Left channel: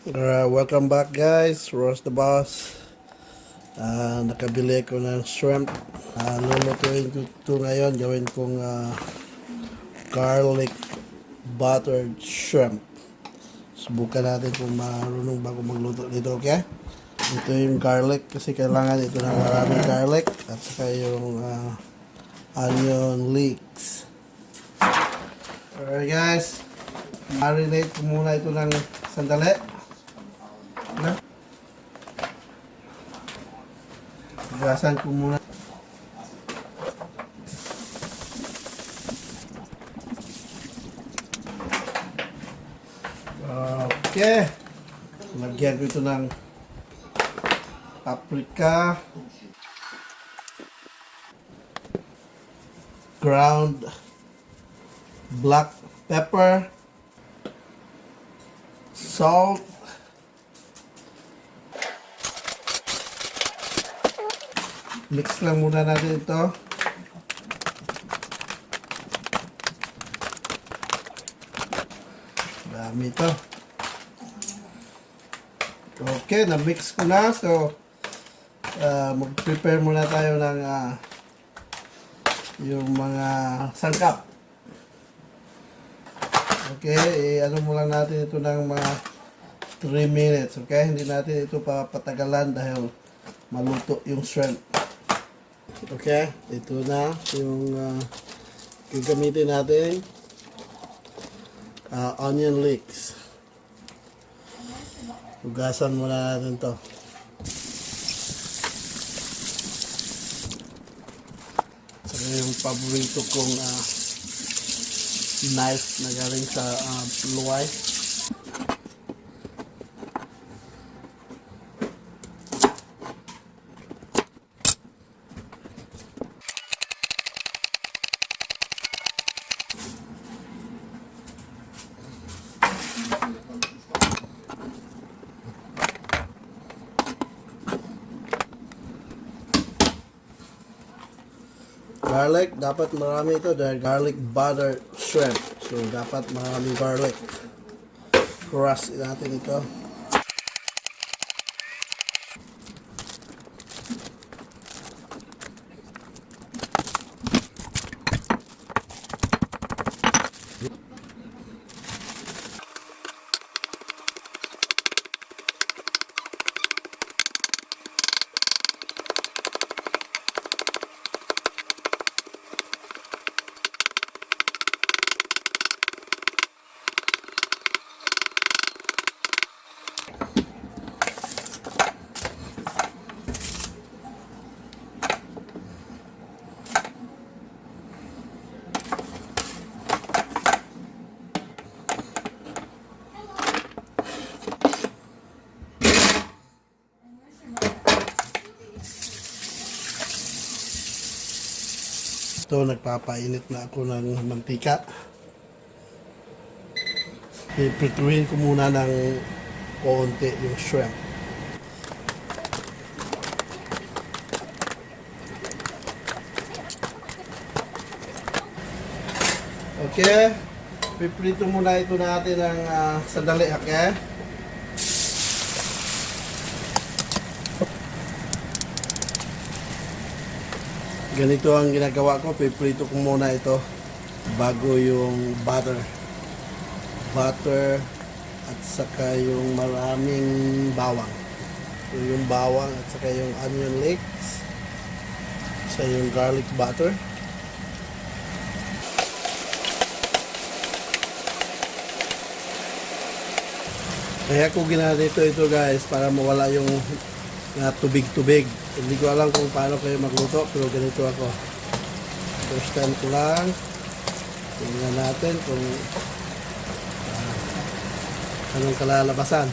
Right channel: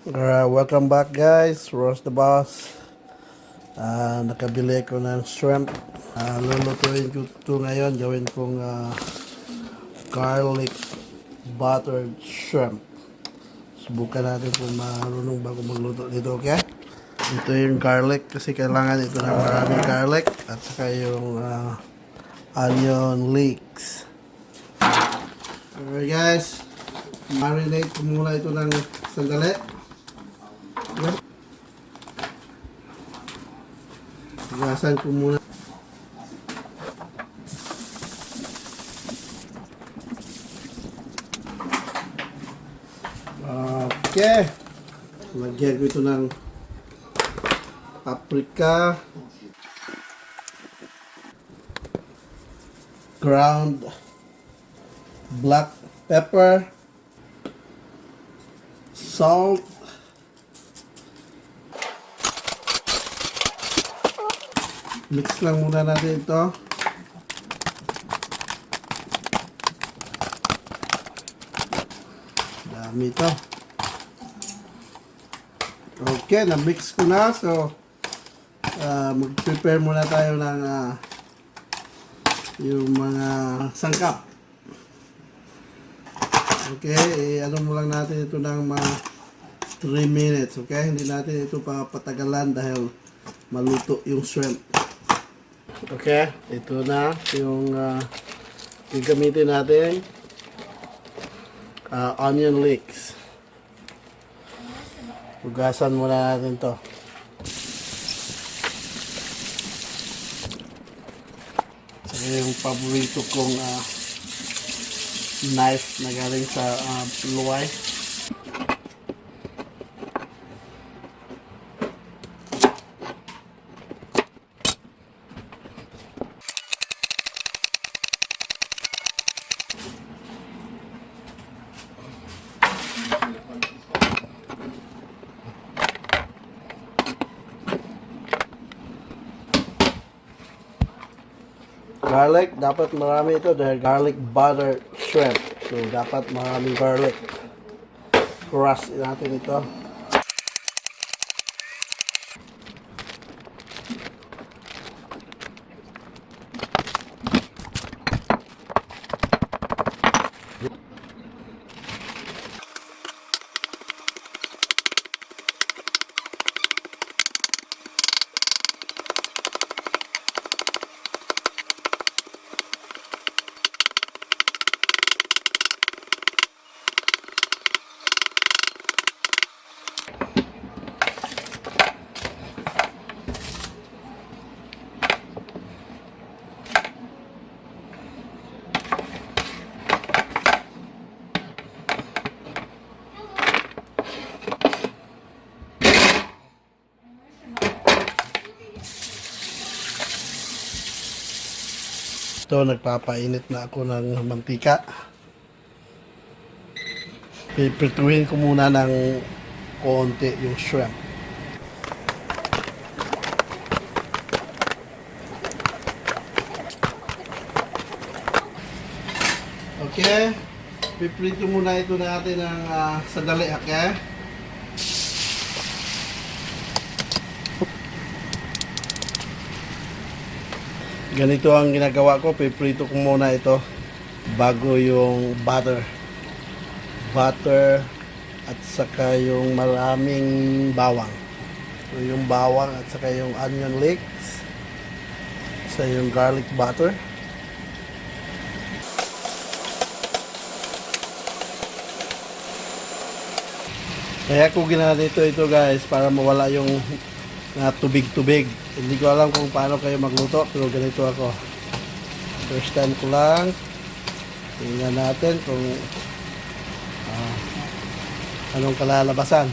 Welcome back guys, Ross the Boss. Nakabili ko ng shrimp. Lulutuin ko ito ngayon. Gawin kong garlic buttered shrimp. Subukan natin kung marunong ba ako magluto dito, okay? Ito yung garlic kasi kailangan ito ng maraming garlic at saka yung onion leeks. Alright guys, marinate ko muna ito ng sandali. Gasan ko muna. Okay. Lagyan ko ito ng paprika, ground black pepper, salt, mix lang muna natin ito. Dami ito. Okay, na-mix ko na. So, mag-prepare muna tayo ng yung mga sangkap. Okay, ano mo lang natin ito ng mga 3 minutes. Okay, hindi natin ito papatagalan dahil maluto yung shrimp. Okay, ito na yung gagamitin natin. Onion leeks. Hugasan muna natin to. Saka yung paborito kong knife na galing sa luway. Garlic, dapat marami ito dahil garlic butter shrimp. So, dapat maraming garlic. Crush natin ito. Ito, nagpapainit na ako ng mantika. Iprituhin ko muna ng konti yung shrimp. Okay, piprito muna ito natin ng sandali, okay? Ganito ang ginagawa ko, piprito ko muna ito bago yung butter at saka yung maraming bawang. So yung bawang at saka yung onion leeks, sa yung garlic butter. Kaya ko ginagawa ito guys para mawala yung tubig-tubig. Hindi ko alam kung paano kayo magluto pero ganito ako. First time ko lang. Tingnan natin kung anong kalalabasan.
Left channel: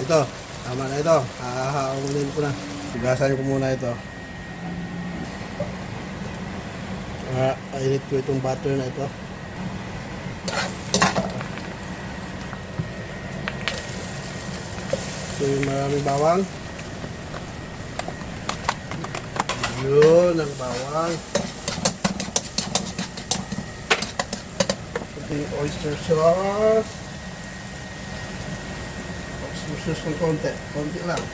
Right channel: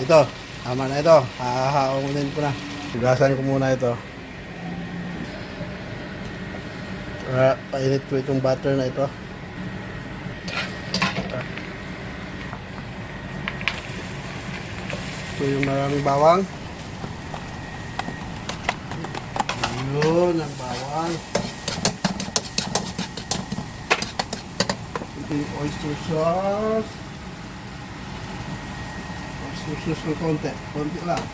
Ito, tama na ito. Hahaungin ko na. Hugasan ko muna ito. Painit ko itong butter na ito. Ito yung maraming bawang. Yun ang bawang. Ito yung oyster sauce. Susus ng konti. Konti lang.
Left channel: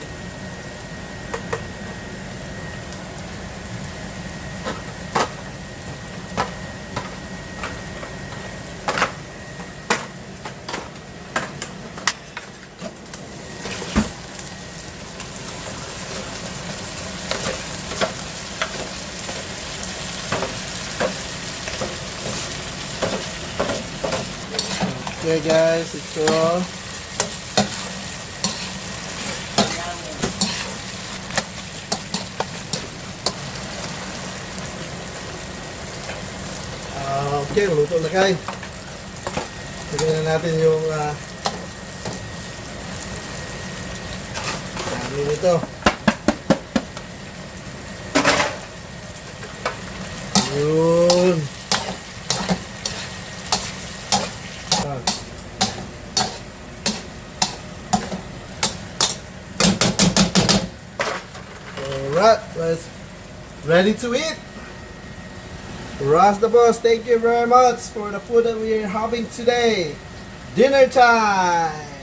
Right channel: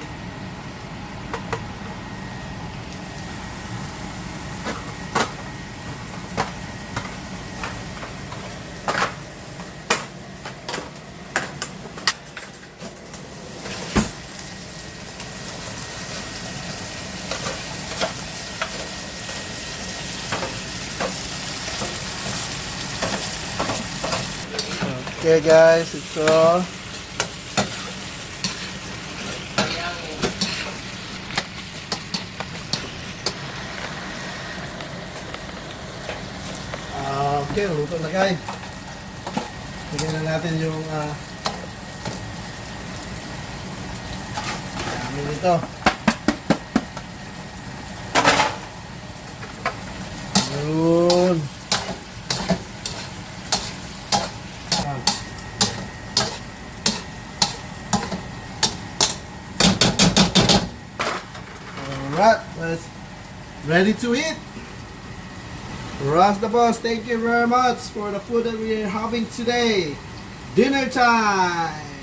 Okay guys, ito. Okay, luto na guys. Lagyan na natin yung dami nito. Yun. Alright, let's ready to eat. Ross the boss, thank you very much for the food that we are having today. Dinner time.